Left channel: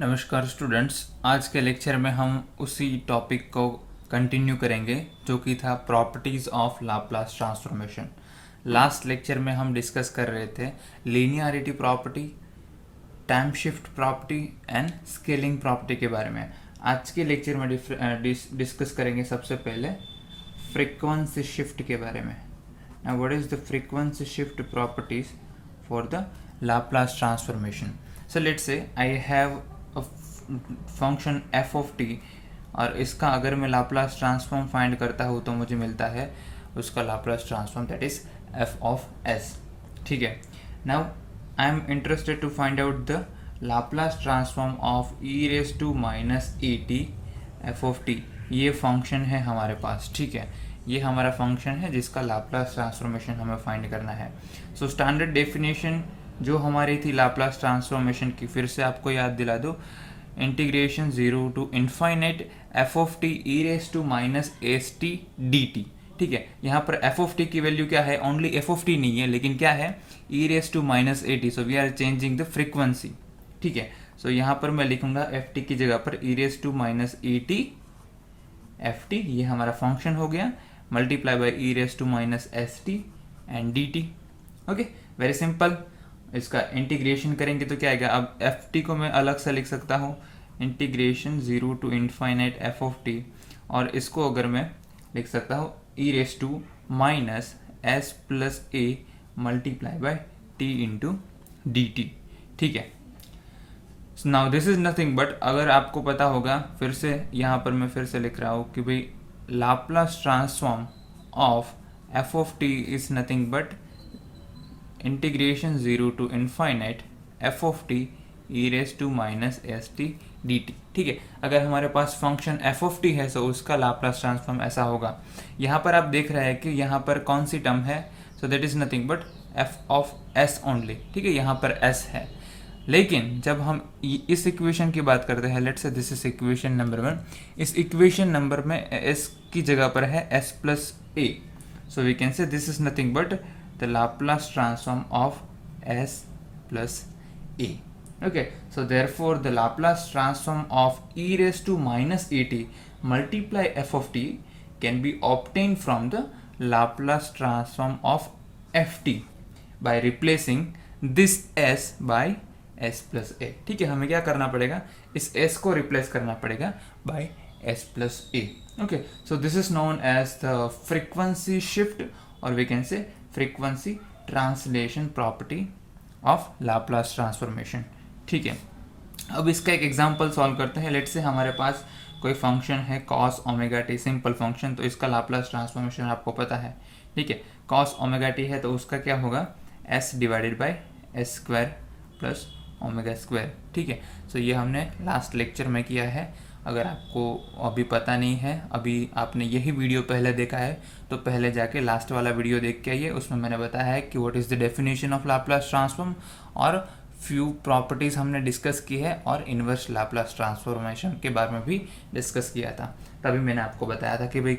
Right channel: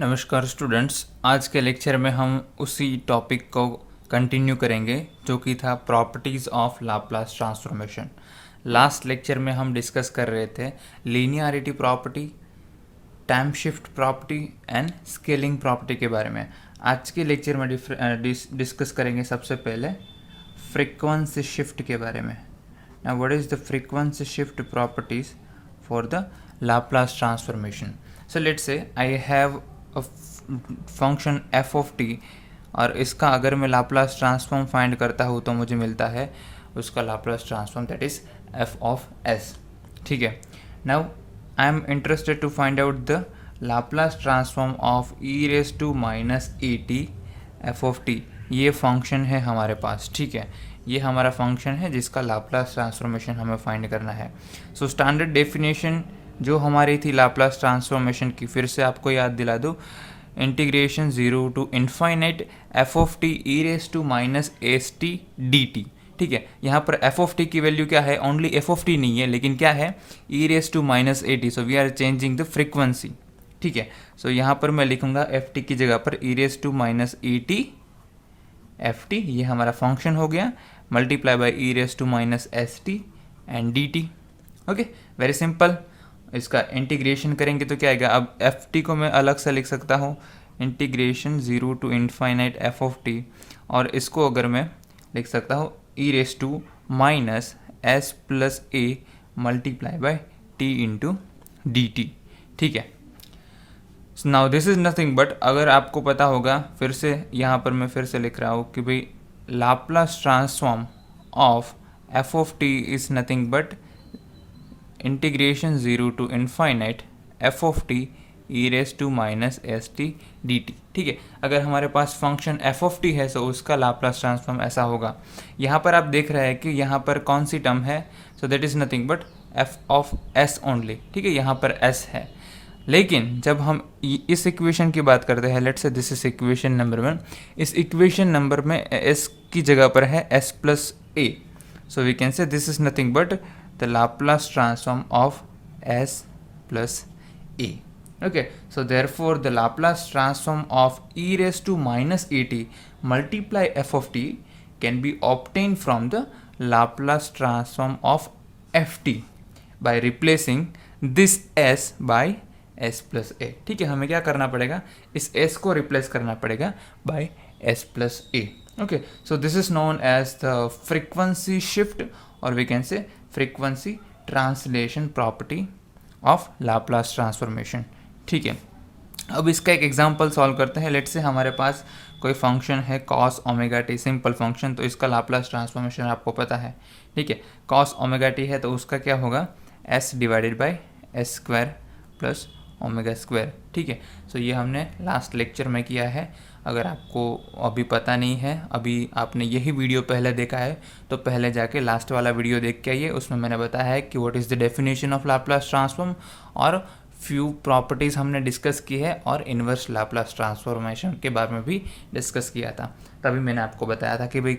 नमस्कार स्टूडेंट्स, आज के लेक्चर में हम उसी टॉपिक को कंटिन्यू करेंगे जो कि था properties of Laplace transformation. Last lecture में हम डिस्कस कर रहे थे linearity property, time shift property and scaling property के बारे में। आज के लेक्चर में डिस्कस करेंगे सबसे पहले फ्रीक्वेंसी शिफ्ट के बारे में। Now what is the frequency shift properties for the Laplace transformation. So let's say I have function f of t और इसका अगर मैं लाप्लास ट्रांसफॉर्म फाइंड करता हूँ तो मुझे मिलता है उसका Laplace transform that is f of s. ठीक है, now I am interested to find out the Laplace transform of e raise to minus a t f of t. ये फंक्शन है हमारे पास। ठीक है, ये हमारा फंक्शन है जिसका लाप्लास ट्रांसफॉर्मेशन हमें फाइंड करना है। सो स्टैंडर्ड डेफिनेशन जो हमारी थी लाप्लास ट्रांसफॉर्मेशन की, फिर से आपको याद दिला दो, integration zero to infinite f of t e raise to minus s t d t. ठीक है, यहाँ पर एफ ऑफ टी की वैल्यू क्या है, ओनली एफ ऑफ टी नहीं है लेकिन क्या है, e raise to minus a t. So we are changing the frequency. ठीक है, सो यहाँ पर मैं लिखूंगा एफ टी की जगह पर e raise to minus a t f t, ये हमारा फंक्शन हो गया, multiply by e raise to minus s t and d t. Okay, very simple. इसका इंटीग्रेशन करेंगे तो क्या आएगा, अब एफ टी को मैं अलग से लिख सकता हूँ, integration zero to infinite f of t, और इसको अगर मैं लिख सकता हूँ e raise to minus s plus a multiply by t into d t. ठीक है, now this is nothing but, अगर आपको पता होगा, फिर से यहाँ पर मैं फिर से लिख रहा हूँ कि भाई Laplace transform of f of t is nothing but integration zero to infinite f of t e raise to minus s t d t. ठीक है, अगर हमारे पास फंक्शन एफ ऑफ टी है तो उसका लाप्लास ट्रांसफॉर्म ऐसा होगा। यहाँ पर आप देख रहे हैं कि यहाँ पर कौन सी टर्म है, सो that is nothing but F of S only. ठीक है, यहाँ पर एस है, लेकिन जब हम इस इक्वेशन की बात करते हैं, let's say this is equation number 1, इस इक्वेशन नंबर में एस की जगह पर है s plus a. So we can say this is nothing but the Laplace transform of s plus a. Okay, so therefore the Laplace transform of e raised to minus at multiply f of t can be obtained from the Laplace transform of ft by replacing this s by s plus a. ठीक है, हमें क्या करना पड़ेगा, इस s को replace करना पड़ेगा by s plus a. Okay, so this is known as the frequency shift or we can say frequency translation property of Laplace transformation. ठीक है, अब इसका एक एग्जांपल सॉल्व करते हैं। लेट्स से हमारे पास कोई फंक्शन है cos omega T, simple function, तो इसका लाप्लास ट्रांसफॉर्मेशन आपको पता है। ठीक है, कॉस ओमेगा टी है तो उसका क्या होगा, S divided by s square plus omega square. ठीक है, सो ये हमने लास्ट लेक्चर में किया है। अगर आपको अभी पता नहीं है, अभी आपने यही वीडियो पहले देखा है, तो पहले जाके लास्ट वाला वीडियो देख के आइए, उसमें मैंने बताया है कि what is the definition of Laplace transform और फ्यू प्रॉपर्टीज़ हमने डिस्कस की है, और इन्वर्स लाप्लास ट्रांसफॉर्मेशन के बारे में भी डिस्कस किया था। तभी मैंने आपको बताया था कि भाई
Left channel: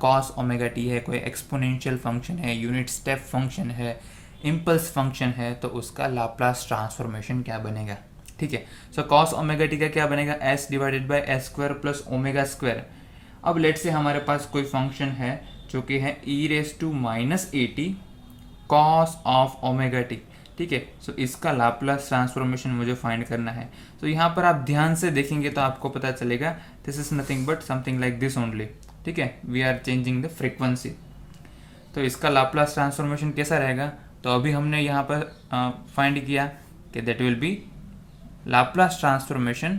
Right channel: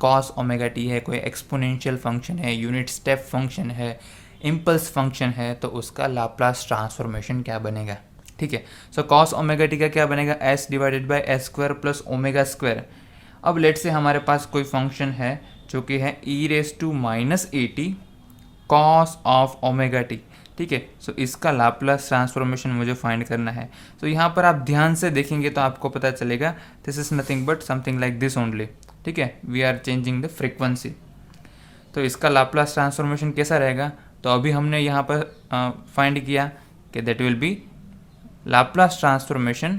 कॉस ओमेगा टी है, कोई एक्सपोनेंशियल फंक्शन है, यूनिट स्टेप फंक्शन है, इम्पल्स फंक्शन है, तो उसका लाप्लास ट्रांसफॉर्मेशन क्या बनेगा। ठीक है, सो कॉस ओमेगा टी का क्या बनेगा, s divided by s square plus omega square. अब लेट से हमारे पास कोई फंक्शन है जो कि है e raise to minus a t cos of omega t. ठीक है, सो इसका लाप्लास ट्रांसफॉर्मेशन मुझे फाइंड करना है। तो यहाँ पर आप ध्यान से देखेंगे तो आपको पता चलेगा this is nothing but something like this only. ठीक है, we are changing the frequency. तो इसका लाप्लास ट्रांसफॉर्मेशन कैसा रहेगा, तो अभी हमने यहाँ पर फाइंड किया कि that will B Laplace transformation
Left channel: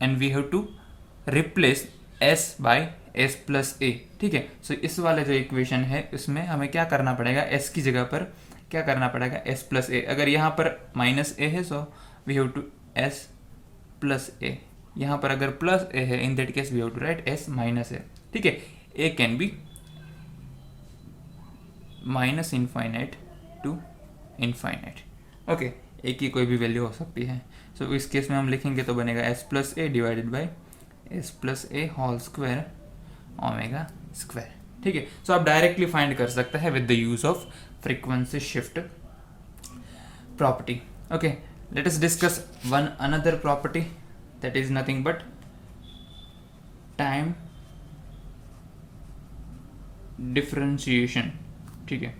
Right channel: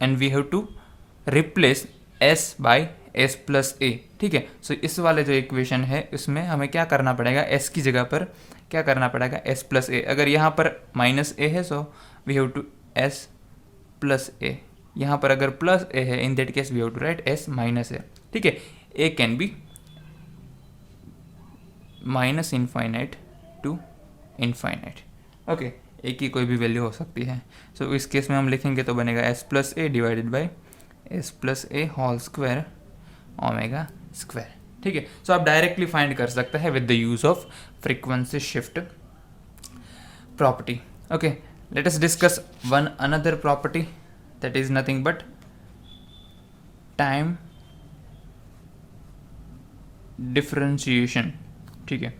and we have to replace s by s plus a. ठीक है, सो इस वाले जो इक्वेशन है इसमें हमें क्या करना पड़ेगा, s की जगह पर क्या करना पड़ेगा, s प्लस a। अगर यहाँ पर माइनस a है so we have to s plus a, यहाँ पर अगर प्लस a है in that case we have to write s minus a। ठीक है, a can be minus infinite to infinite. Okay, a की कोई भी वैल्यू हो सकती है। सो इस केस में हम लिखेंगे तो बनेगा s plus a divided by s plus a whole square omega square. ठीक है, सो आप डायरेक्टली फाइंड कर सकते हैं with the use of frequency shift property. Okay, let us discuss one another property, that is nothing but time differentiation. ठीक है,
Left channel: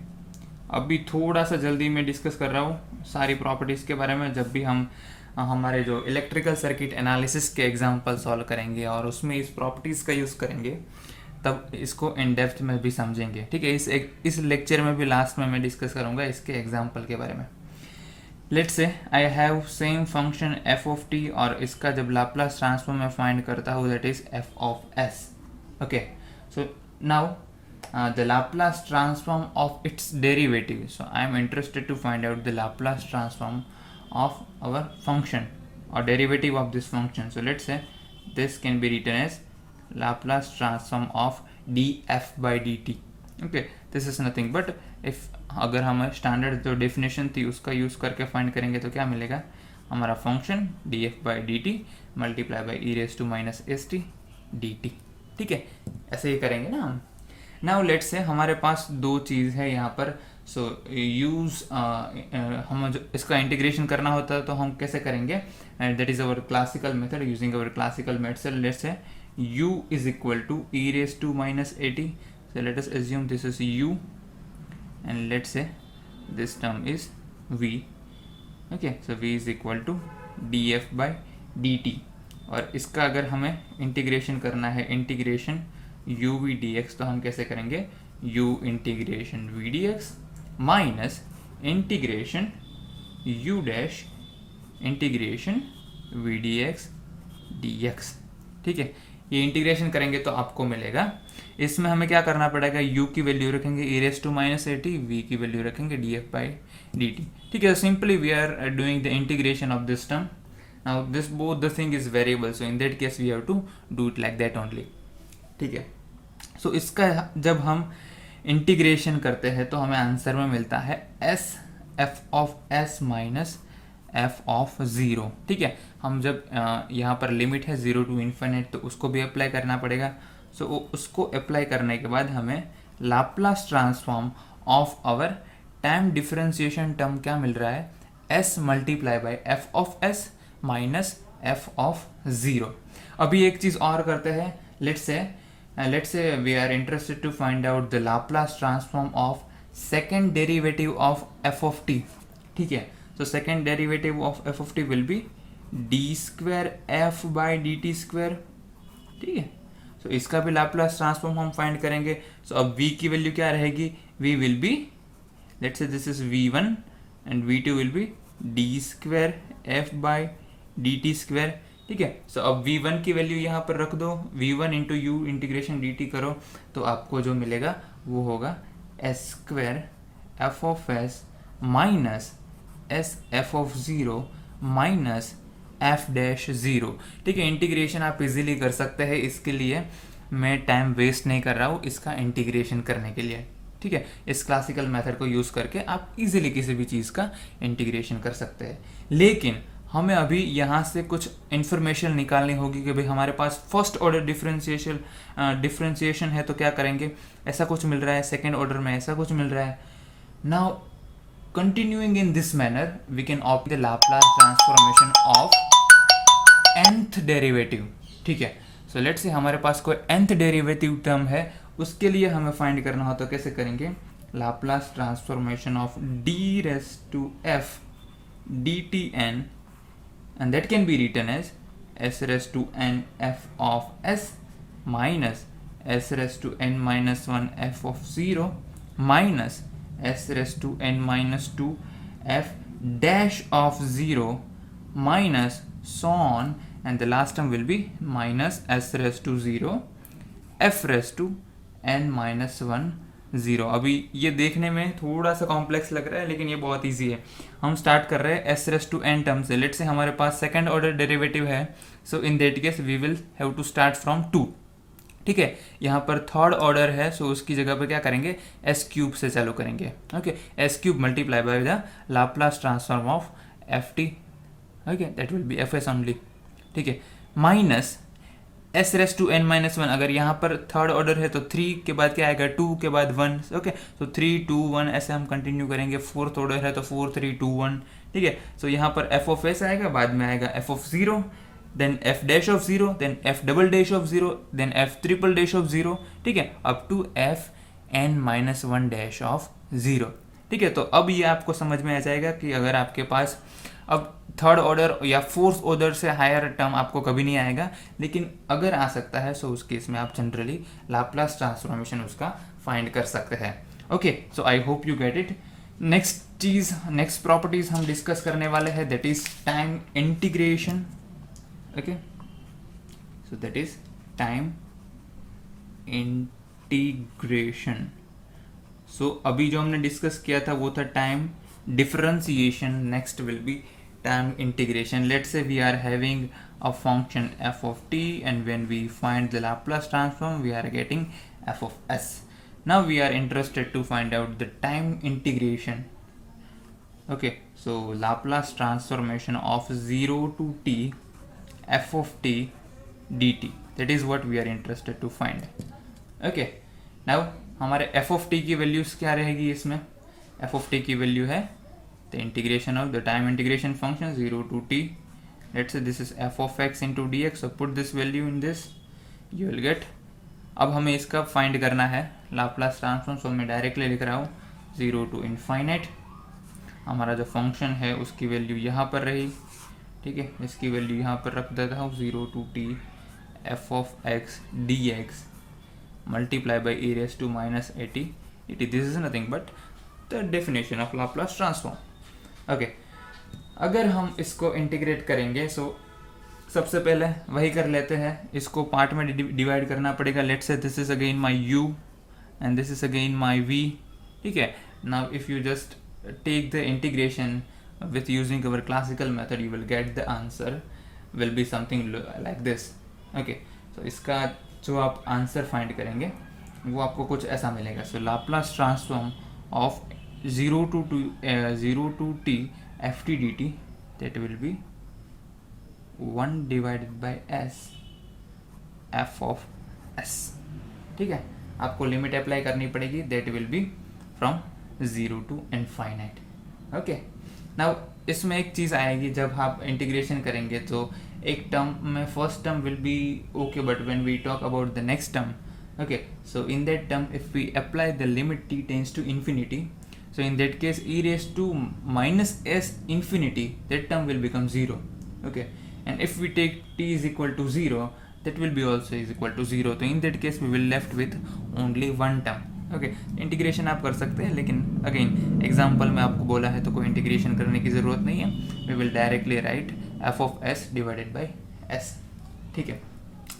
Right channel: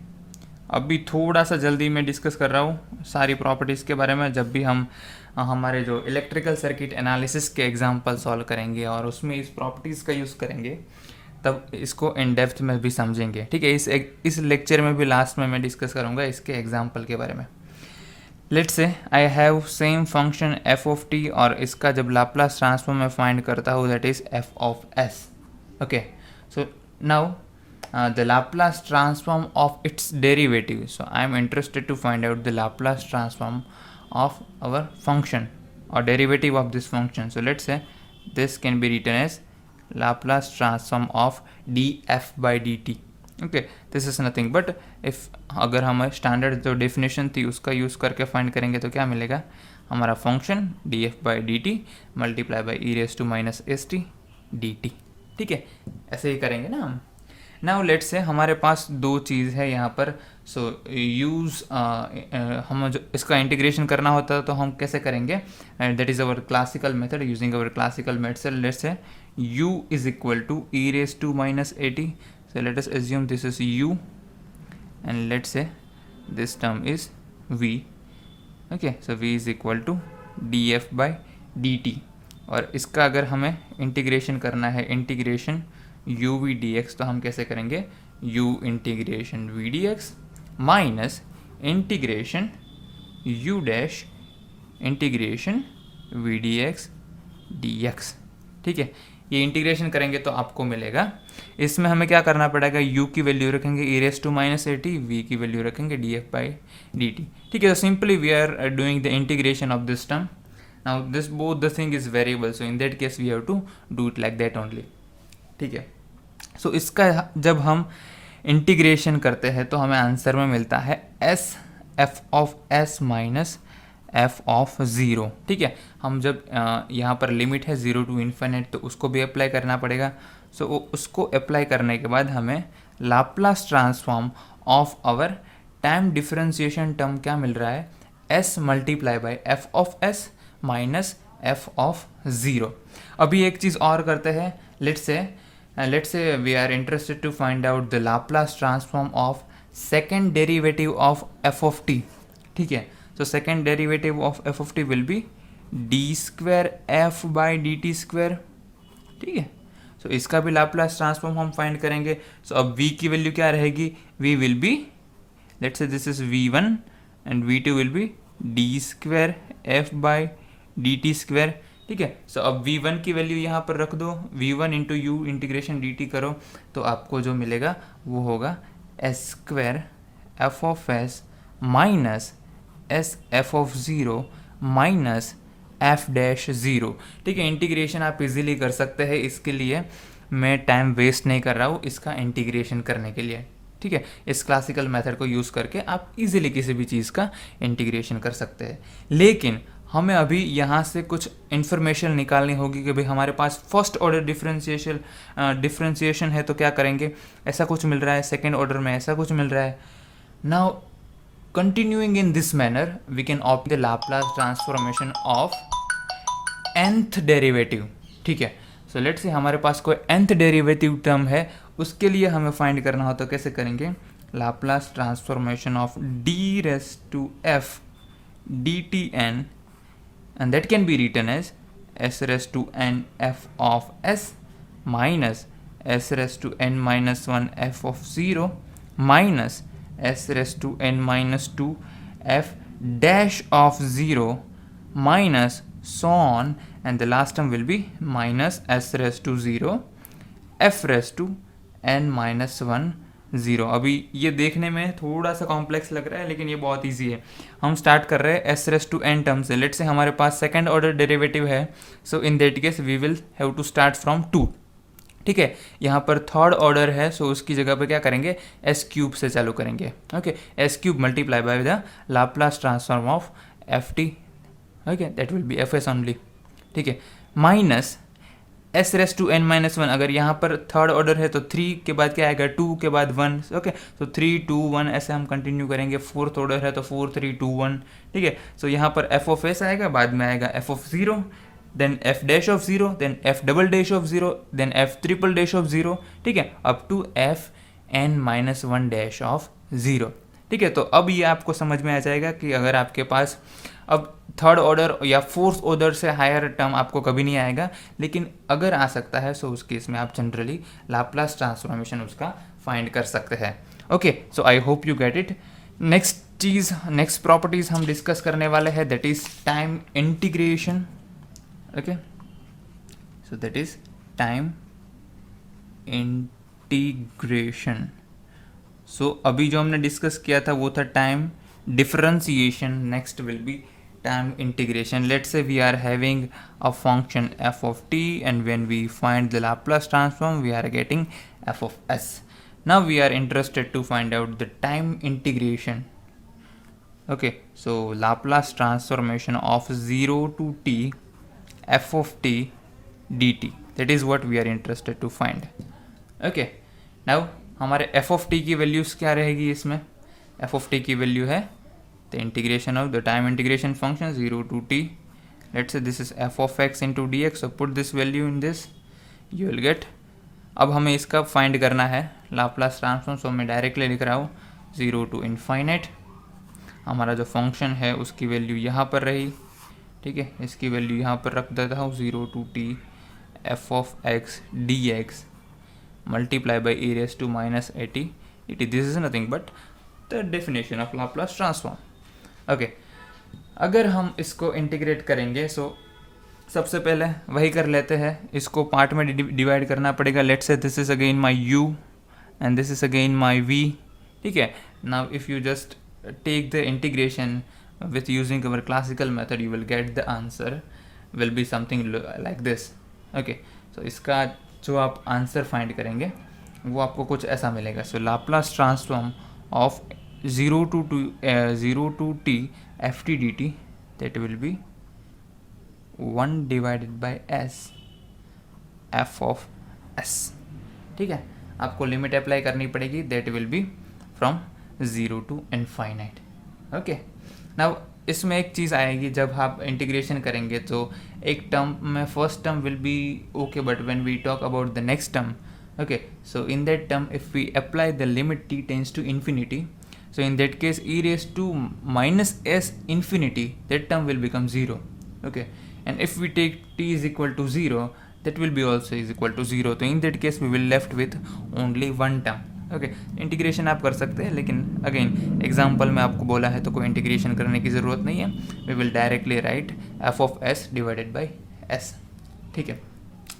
अभी थोड़ा सा जल्दी मैं डिस्कस कर रहा हूँ सारी प्रॉपर्टीज़ के बारे में। जब भी हम हमारे जो इलेक्ट्रिकल सर्किट एनालिसिस के एग्जांपल सॉल्व करेंगे और उसमें इस प्रॉपर्टीज़ का यूज़ करेंगे, तब इसको इन डेप्थ में भी समझेंगे। ठीक है, इस लेक्चर में भी लास्ट में मैं डिस्कस करूँगा इसके एग्जांपल के बारे में। Let's say I have same function f of t, और इसका जब लाप्लास ट्रांसफॉर्म मैं फाइंड करता हूँ that is f of S. Okay, so now the Laplace transform of its derivative. So I am interested to find out the Laplace transform of our function or derivative of this function. So let's say this can be written as Laplace transform of df by dt. Okay, this is nothing but if अगर हमारे standard जो definition थी उसका use करके find करेंगे तो क्या मिलेगा, हमारा function df by dt multiply by e raise to minus s t d t. ठीक है, ऐसे ही करेंगे ना हम। नाउ लेट्स से हमारे पास दो चीज़ है यहाँ पर। सो यूज़ हम जो इसका इंटीग्रेशन करना होता है तो हम कैसे करेंगे, that is our classical method. Using our classical method, let's say u is equal to e raise to minus a t. So let us assume this is u and let's say this term is v। Okay, so v is equal to d f by d t, और इसका अगर हमें integration करना है, integration u v dx, तो हम कैसे करेंगे, u integration v dx minus integration u dash integration v dx dx। ठीक है, ये इंटीग्रेशन करेंगे तो आपको मिलेगा, इसमें हमें क्या करना पड़ेगा, u की वैल्यू रखेंगे e raise to minus a t, v की वैल्यू रखेंगे d f by d t. ठीक है, simply we are doing the integration of this term. Now this both the thing is variable, so in that case we have to do it like that only. ठीक है, सो इसका जब हम integration करते हैं तो हमें आंसर में मिलता है S F of s minus f of zero. ठीक है, हम जब यहाँ पर लिमिट है 0 टू इन्फिनिट तो उसको भी अप्लाई करना पड़ेगा। सो उसको अप्लाई करने के बाद हमें Laplace transform of our time differentiation term क्या मिल रहा है, s multiply by f of s minus f of zero. अभी एक चीज़ और करते हैं, let's say we are interested to find out the Laplace transform of second derivative of f of t. ठीक है, so second derivative of f of t will be d square f by dt square. ठीक है, so इसका भी Laplace transform हम find करेंगे। so अब v की वैल्यू क्या रहेगी, v will be, let's say this is v1 and v2 will be d square f by dt square। ठीक है, सो अब v1 की वैल्यू यहाँ पर रख दो, v1 into you integration dt करो तो आपको जो मिलेगा वो होगा S square F of s minus S F of zero minus F dash zero. ठीक है, इंटीग्रेशन आप इजीली कर सकते हैं, इसके लिए मैं टाइम वेस्ट नहीं कर रहा हूँ इसका इंटीग्रेशन करने के लिए। ठीक है, इस क्लासिकल मेथड को यूज़ करके आप इजीली किसी भी चीज़ का इंटीग्रेशन कर सकते हैं। लेकिन हमें अभी यहाँ से कुछ इन्फॉर्मेशन निकालनी होगी कि भाई हमारे पास फर्स्ट ऑर्डर डिफरेंशिएशन है तो क्या करेंगे, ऐसा कुछ मिल रहा है, सेकेंड ऑर्डर में ऐसा कुछ मिल रहा है। Now continuing in this manner we can opt the Laplace transformation of nth derivative. ठीक है, सो लेट्स से हमारे पास कोई nth डेरिवेटिव टर्म है, उसके लिए हमें फाइंड करना हो तो कैसे करेंगे, Laplace transformation of d raise to f d t n, and that can be written as s raised to n f of s minus s raised to n minus 1 f of 0 minus s raised to n minus 2 f dash of 0 minus so on, and the last term will be minus s raised to 0 f raised to n minus 1 0। अभी ये देखने में थोड़ा सा complex लग रहा है लेकिन ये बहुत इजी है। हम स्टार्ट कर रहे हैं s raise to n term से। लेट से हमारे पास सेकंड ऑर्डर डेरिवेटिव है, so in that case we will have to start from 2। ठीक है, यहाँ पर थर्ड ऑर्डर है, सो उसकी जगह पे क्या करेंगे, एस क्यूब से चालू करेंगे। Okay, s cube multiply by the Laplace transform of f t. Okay, that will be f s only. ठीक है, minus s raise to n minus 1, अगर यहाँ पर थर्ड ऑर्डर है तो 3 के बाद क्या आएगा, 2 के बाद 1। ओके, तो 3 2 1 ऐसे हम कंटिन्यू करेंगे। फोर्थ ऑर्डर है तो 4 3 2 1। ठीक है। सो यहाँ पर एफ ऑफ एस आएगा, बाद में आएगा f of zero, then f dash of zero, then f double dash of zero, then f triple dash of zero, ठीक है, up to f n minus one dash of zero, ठीक है। तो अब ये आपको समझ में आ जाएगा कि अगर आपके पास अब थर्ड ऑर्डर या फोर्थ ऑर्डर से हायर टर्म आपको कभी नहीं आएगा, लेकिन अगर आ सकता है सो उस केस में आप जनरली लाप्लास ट्रांसफॉर्मेशन उसका फाइंड कर सकते हैं। Okay, so I hope you get it. Next properties हम डिस्कस करने वाले हैं, that is time integration. Okay, so that is time integration. So अभी जो हमने डिस्कस किया था वो था time differentiation, next will be time integration. Let's say we are having a function f of t, and when we find the Laplace transform we are getting f of s. Now we are interested to find out the time integration. Okay, so Laplace transformation of 0 to t f of t dt, that is what we are interested to find. Okay, now हमारे f of t की values क्या रहेगी इसमें? f of t की value है the integration of the time integration function 0 to t. Let's say this is f of x into dx, so put this value in this, you will get. अब हमें इसका find करना है Laplace transform, सो मैं directly लिख रहा हूँ 0 to infinite. हमारा जो फंक्शन है उसकी वैल्यू यहाँ पर रही, ठीक है, इसकी वैल्यू यहाँ पर रख देता हूँ 0 to t f of x dx multiply by e raised to minus at dt. This is nothing but the definition of Laplace transform. Okay, अगर हम इसको इंटीग्रेट करेंगे सो सबसे पहले वही कर लेते हैं, इसको पार्ट में डिवाइड करना पड़ेगा। Let's say this is again my u and this is again my v, ठीक है। Now if you just take the integration with using our classical method you will get the answer will be something like this. Okay, so इसका जो आप answer find करेंगे वो आपको कुछ ऐसा मिलेगा। So Laplace transform of 0 to t ft dt, that will be 1 divided by s f of s, ठीक है। आपको लिमिट अप्लाई करनी पड़ेगी, that will be from 0 to infinite. Okay, now इसमें एक चीज़ आएगी, जब आप इंटीग्रेशन करेंगे तो एक टर्म में first term will be okay, but when we talk about the next term, okay, so in that term if we apply the limit t tends to infinity, so in that case e raised to minus s infinity, that term will become 0. Okay, and if we take t is equal to 0, that will be also is equal to 0. So in that case we will left with only one term. Okay, integration आप कर सकते हैं, लेकिन again example में आपको बोला है तो कोई इंटीग्रेशन करने की ज़रूरत नहीं है। We will directly write f of s divided by s, ठीक है।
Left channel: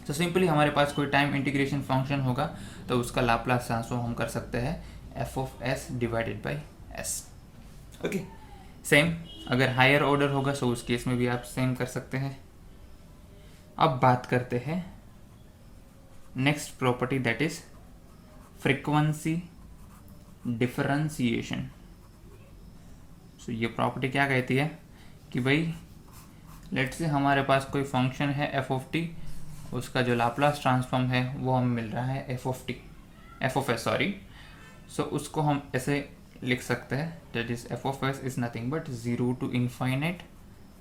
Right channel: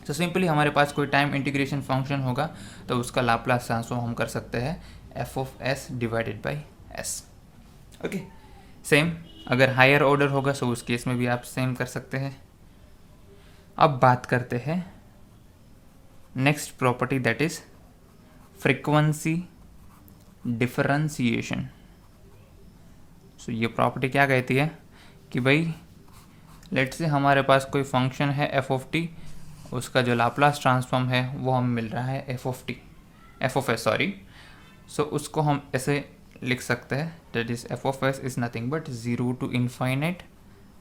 तो सिंपली हमारे पास कोई टाइम इंटीग्रेशन फंक्शन होगा तो उसका लाप्लास ट्रांसफॉर्म हम कर सकते हैं F of s divided by S. Okay, same अगर हायर ऑर्डर होगा सो उस केस में भी आप सेम कर सकते हैं। अब बात करते हैं next property, that is frequency differentiation. So ये प्रॉपर्टी क्या कहती है कि भाई लेट्स से हमारे पास कोई फंक्शन है एफ ऑफ टी, उसका जो लाप्लास ट्रांसफॉर्म है वो हमें मिल रहा है एफ ऑफ एस सॉरी। सो उसको हम ऐसे लिख सकते हैं, that is f of s is nothing but 0 to infinite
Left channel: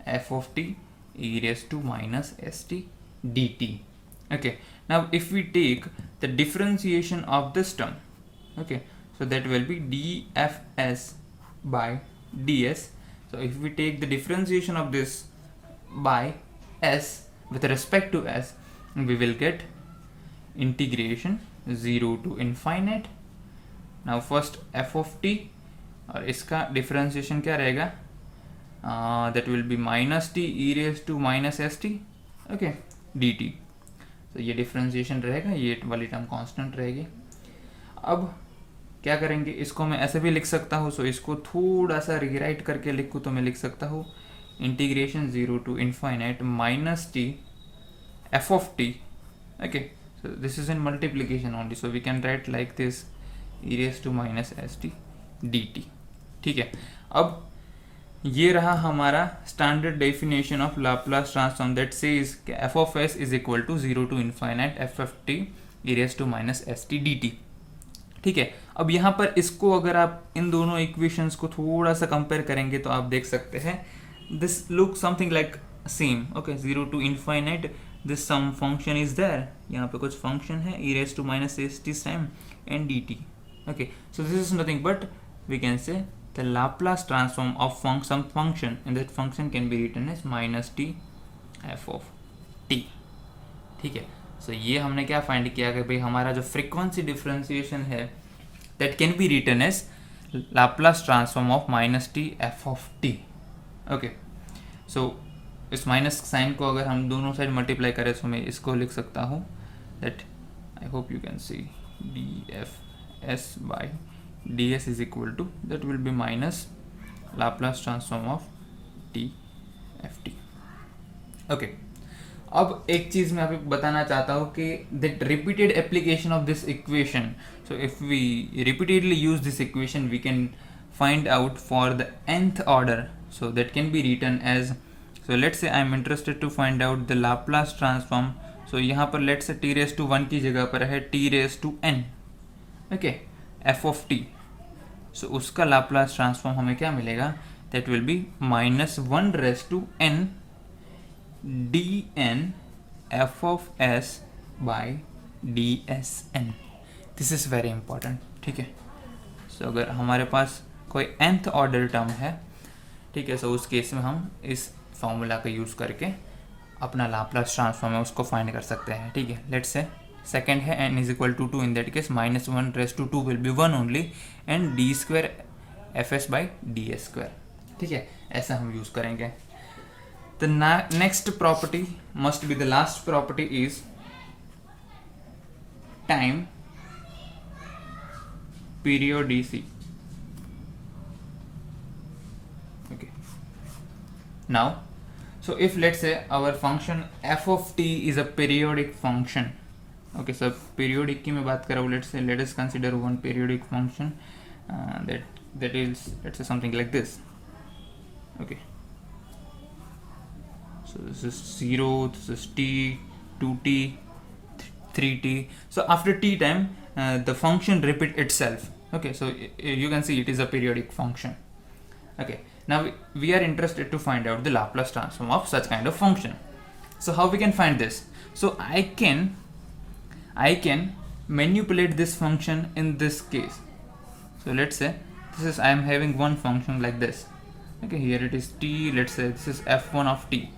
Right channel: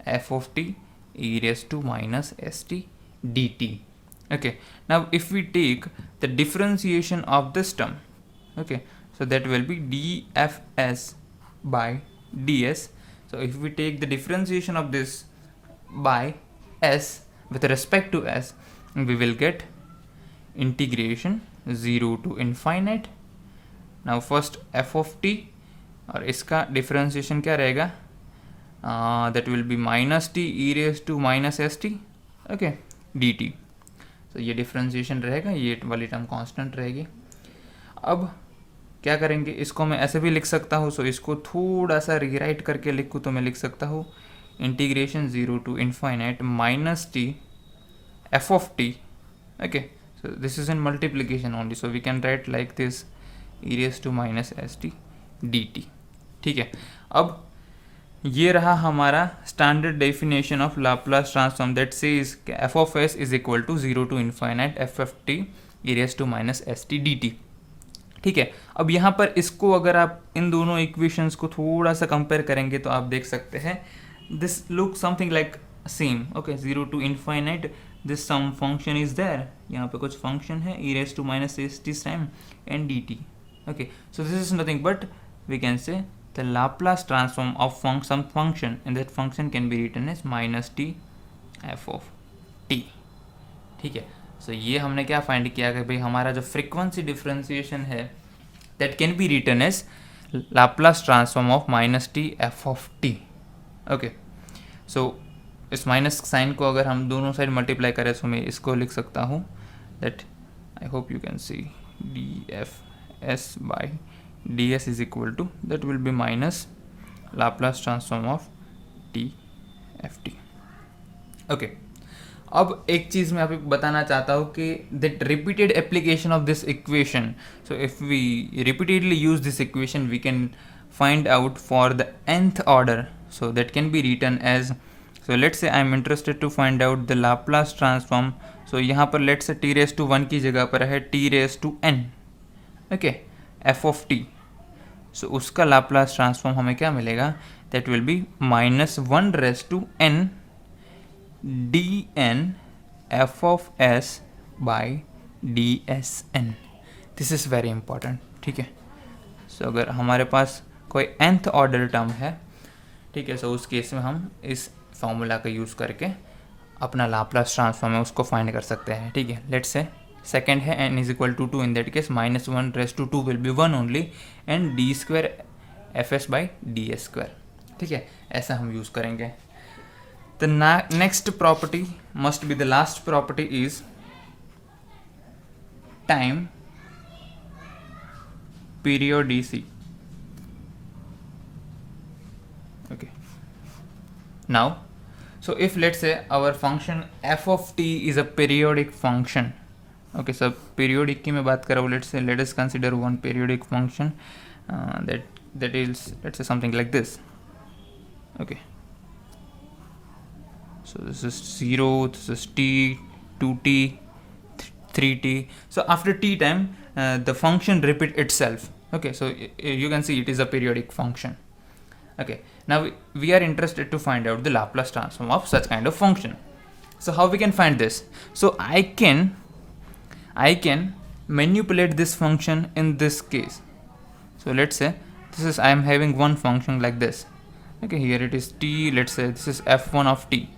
f of T e raised to minus st dt. Okay, now if we take the differentiation of this term, okay, so that will be dfs by ds. So if we take the differentiation of this by s with respect to s, we will get integration 0 to infinite. Now first f of t और इसका differentiation क्या रहेगा, that will be minus t e raised to minus st, okay, dt. तो ये differentiation रहेगा, ये वाली term constant रहेगी। अब क्या करेंगे, इसको मैं ऐसे भी लिख सकता हूँ, सो इसको थोड़ा सा रीराइट करके लिखूँ तो मैं लिख सकता हूँ integration 0 to infinite minus t f of t, okay, so this is in multiplication only, so we can write like this e raised to minus st dt, ठीक है। अब ये रहा हमारा standard definition of Laplace transform, that says f of s is equal to 0 to infinite f of t e raise to minus s t d t, ठीक है। अब यहाँ पर इसको अगर आप इन दोनों इक्वेशंस को थोड़ा सा कंपेयर करेंगे तो आप देख सकते हैं this look something like same. Okay, 0 to infinite this sum function is there. यहाँ पे कुछ फंक्शन है e raised to minus st sine and dt. Okay, so this is nothing but we can say the Laplace transform of some function, and that function can be written as minus t f of t. ठीक है. सो ये हमने क्या find किया कि भाई हमारा जो फ्रीक्वेंसी डिफरेंशिएशन है that can be written as Laplace transform of minus t f of t. Okay, so इस माइनस साइन को अगर हम दोनों साइड मल्टीप्लाई करें तो मैं इसको लिख सकता हूँ that I hope you can see d f s by d s is equal to that will be minus Laplace transform of t f t. Okay, अब एक चीज़ मैं आपको बताना चाहता हूँ कि that repeated application of this equation. So if we repeatedly use this equation we can find out for the nth order. So that can be written as, so let's say I am interested to find out the Laplace transform. So यहाँ पर let's say T raise to 1 की जगह पर है t raise to n. Okay, f of t. So उसका Laplace transform हमें क्या मिलेगा, that will be minus 1 raise to n dn f of s by dsn. This is very important. ठीक है, सो अगर हमारे पास कोई nth ऑर्डर टर्म है, ठीक है, सो उस केस में हम इस फॉर्मूला का यूज़ करके अपना लाप्लास ट्रांसफॉर्म है उसको फाइंड कर सकते हैं. ठीक है, लेट्स से सेकेंड है n is equal to 2. In that case minus 1 raise to 2 will be 1 only and d square f s by d s square. ठीक है, ऐसा हम यूज़ करेंगे. The next property must be the last property is time periodicity. Okay, now so if let's say our function f of t is a periodic function. Okay, so periodic की मैं बात कर रहा हूँ. let us consider one periodic function that is, let's say, something like this. Okay, so this is 0, this is t, 2t, 3t. So after t time the function repeat itself. Okay, so you can see it is a periodic function. Okay, now we are interested to find out the Laplace transform of such kind of function. So how we can find this? So I can manipulate this function in this case. So let's say this is, I am having one function like this. Okay, here it is t, let's say this is f1 of t.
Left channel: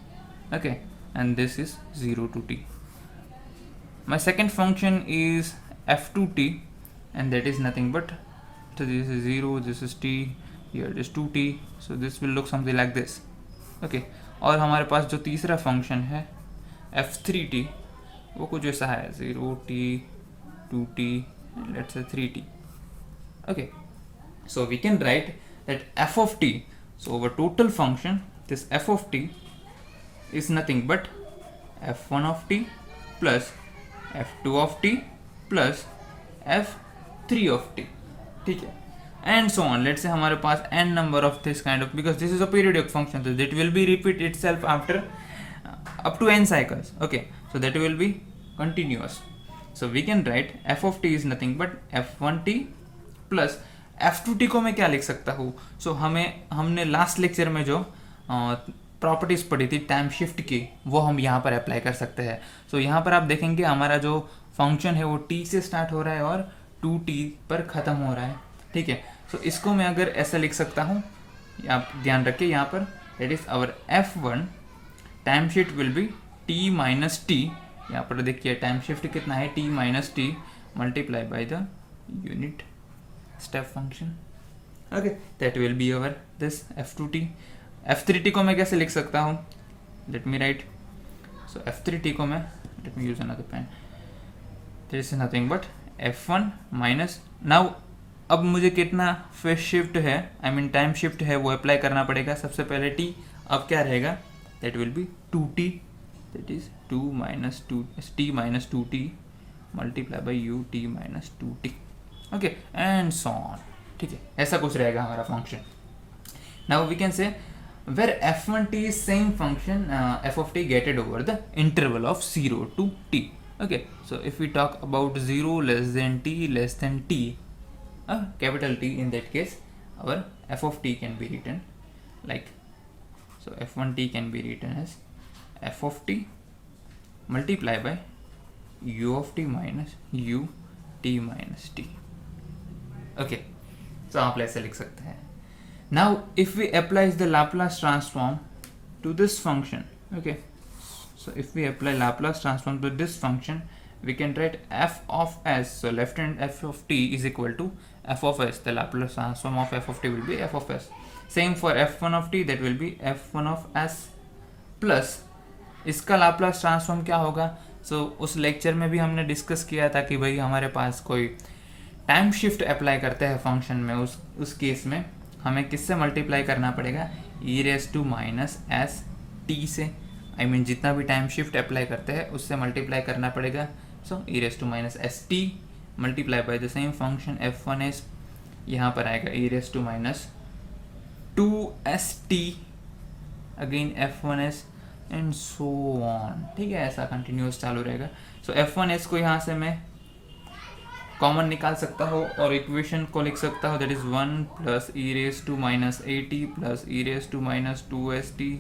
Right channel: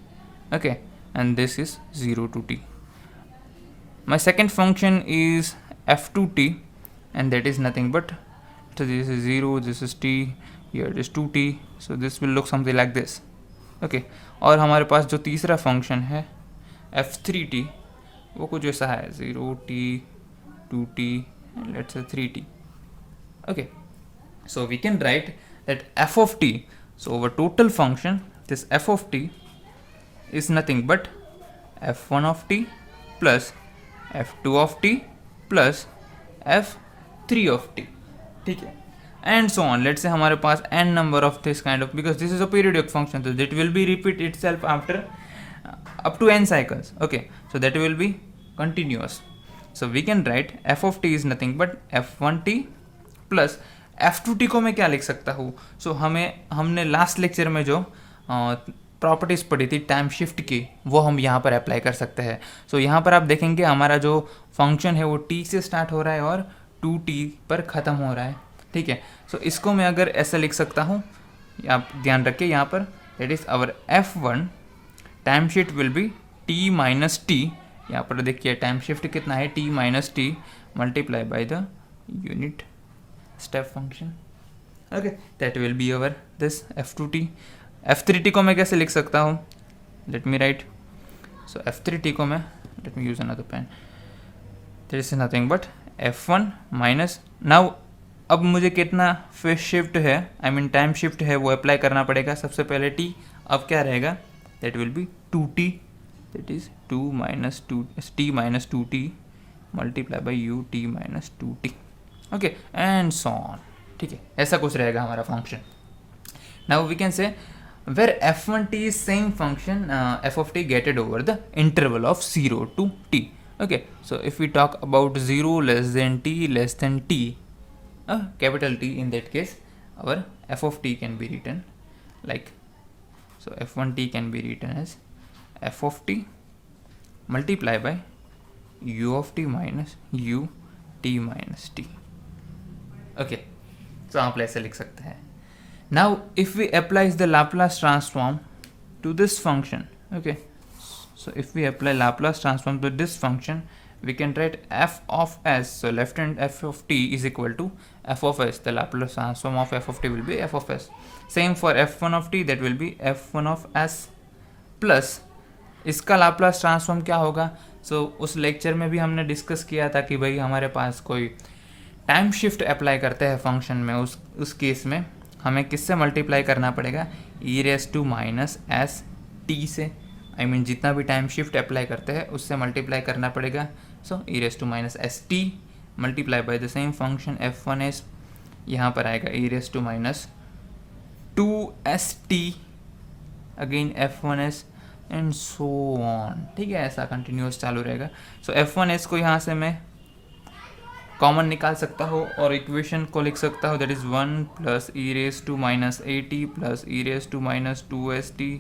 Okay, and this is 0 to t. My second function is f2t, and that is nothing but, so this is 0, this is t, here it is 2t. So this will look something like this. Okay, और हमारे पास जो तीसरा function है f3t वो कुछ ऐसा है 0t, 2t, and let's say 3t. Okay, so we can write that f of t, so our total function, this f of t is nothing but f1 of t plus f2 of t plus f3 of t. ठीक है, and so on. Let's say हमारे पास n number of this kind of, because this is a periodic function, so that will be repeat itself after up to n cycles. Okay, so that will be continuous. So we can write f of t is nothing but f1t plus f2t को मैं क्या लिख सकता हूँ. So हमने last lecture में जो properties पढ़ी थी टाइम शिफ्ट की, वो हम यहाँ पर अप्लाई कर सकते हैं. सो यहाँ पर आप देखेंगे हमारा जो फंक्शन है वो t से स्टार्ट हो रहा है और 2t पर ख़त्म हो रहा है. ठीक है, सो इसको मैं अगर ऐसा लिख सकता हूँ, आप ध्यान रखिए यहाँ पर, that is our f1 time shift will be t minus t. यहाँ पर देखिए टाइम शिफ्ट कितना है, t minus t multiply by the unit step function. Okay, that will be our this f2t. f3t को मैं कैसे लिख सकता हूँ, लेट मी राइट. सो f3t को मैं, let me use another pen, this is nothing but f1 minus, now अब मुझे कितना फेज शिफ्ट है, आई मीन टाइम शिफ्ट है, वो अप्लाई करना पड़ेगा. सबसे पहले t, अब क्या रहेगा, that will be 2t, that is 2 minus 2 t minus 2t multiply by u t minus 2t. Okay, and so on. ठीक है, ऐसा कुछ रहेगा हमारा function. Now we can say where f1t is same function f of t gated over the interval of 0 to t. Okay, so if we talk about 0 less than t less than t, capital T. In that case, our f of t can be written like, so f1t can be written as f of t multiply by u of t minus u t minus t. Okay, so आप ऐसे लिख सकते हैं. Now if we apply the Laplace transform to this function, okay, so if we apply Laplace transform to this function, we can write f of s, so left hand f of t is equal to f of s. The Laplace transform of f of t will be f of s. Same for f1 of t, that will be f1 of s plus इसका Laplace transform क्या होगा. सो उस lecture में भी हमने discuss किया था कि भाई हमारे पास कोई टाइम शिफ्ट अप्लाई करते हैं फंक्शन में, उस केस में हमें किससे मल्टीप्लाई करना पड़ेगा, e raise to minus s t से. आई मीन जितना भी टाइम शिफ्ट अप्लाई करते हैं उससे मल्टीप्लाई करना पड़ेगा. So e raise to minus s t multiply by the same function f one s, यहाँ पर आएगा e raise to minus two s t again f one s and so on. ठीक है, ऐसा कंटिन्यूस चालू रहेगा. सो एफ वन एस को यहाँ से मैं कॉमन निकाल सकता हूँ और इक्वेशन को लिख सकता हूँ, that is 1 plus e raise to minus a t plus e raise to minus two s t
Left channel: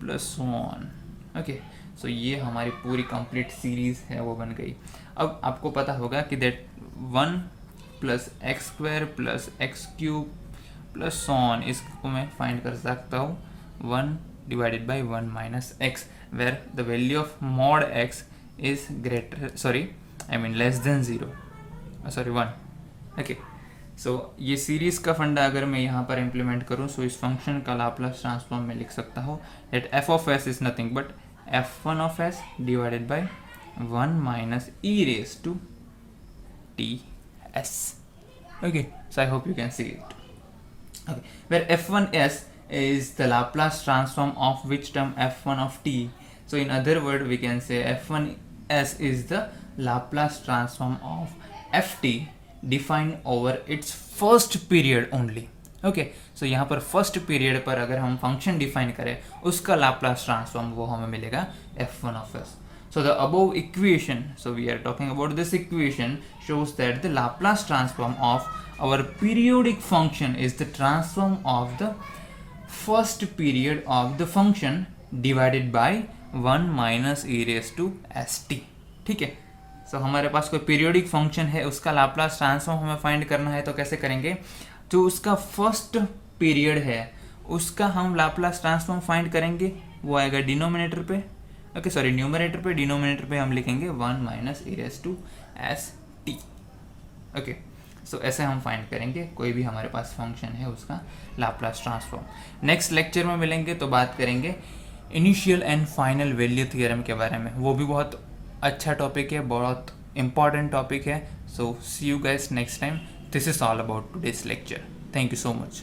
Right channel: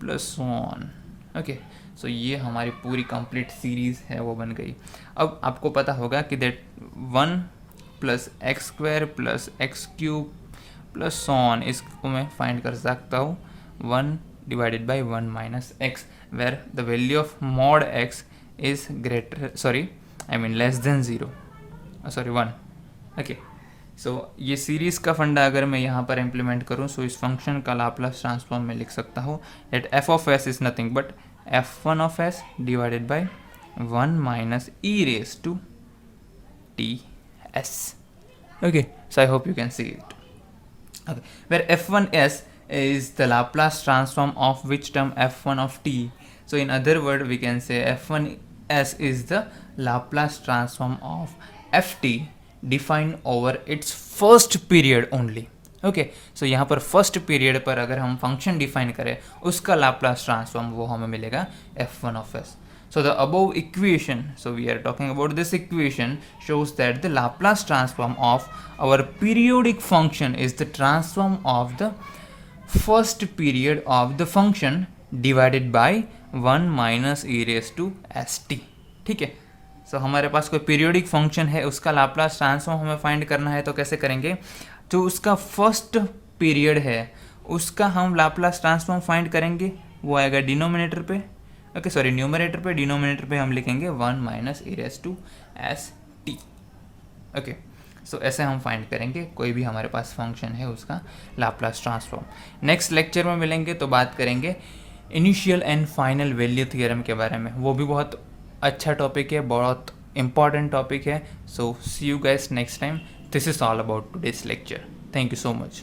plus so on. Okay, so ये हमारी पूरी कंप्लीट सीरीज है वो बन गई. अब आपको पता होगा कि that 1 plus x square plus x cube plus so on, इसको मैं फाइंड कर सकता हूँ 1 divided by 1 minus x, where the value of mod x is less than 0, sorry 1. okay, so ये सीरीज का फंडा अगर मैं यहाँ पर इम्प्लीमेंट करूँ, सो इस फंक्शन का लाप्लास ट्रांसफॉर्म में लिख सकता हूँ that f of s is nothing but f1 of s divided by 1 minus e raised to t s. okay, so I hope you can see it. okay, where f1s is the Laplace transform of which term f1 of t. So in other word we can say f1s is the Laplace transform of ft defined over its first period only. okay, so यहाँ पर first period पर अगर हम function define करें उसका Laplace transform वो हमें मिलेगा f1 of s. So the above equation, so we are talking about this equation, shows that the Laplace transform of our periodic function is the transform of the first period of the function divided by 1 minus e raised to st. ठीक है, सो हमारे पास कोई periodic function है, उसका Laplace transform हमें find करना है. तो कैसे करेंगे, जो उसका फर्स्ट पीरियड है उसका हम लाप्लास ट्रांसफॉर्म फाइंड करेंगे, वो आएगा डिनोमिनेटर पे. ओके, सॉरी न्यूमरेटर पे. डिनोमिनेटर पे हम लिखेंगे 1 minus e raise to s t. Okay, so ऐसे हम फाइंड करेंगे कोई भी हमारे पास फंक्शन है उसका लाप्लास ट्रांसफॉर्म. नेक्स्ट लेक्चर में मिलेंगे तो बात करेंगे initial and final value theorem के बारे में. वो भी बहुत अच्छा टॉपिक है, बहुत इंपॉर्टेंट टॉपिक है. So see you guys next time. This is all about today's lecture. Thank you so much.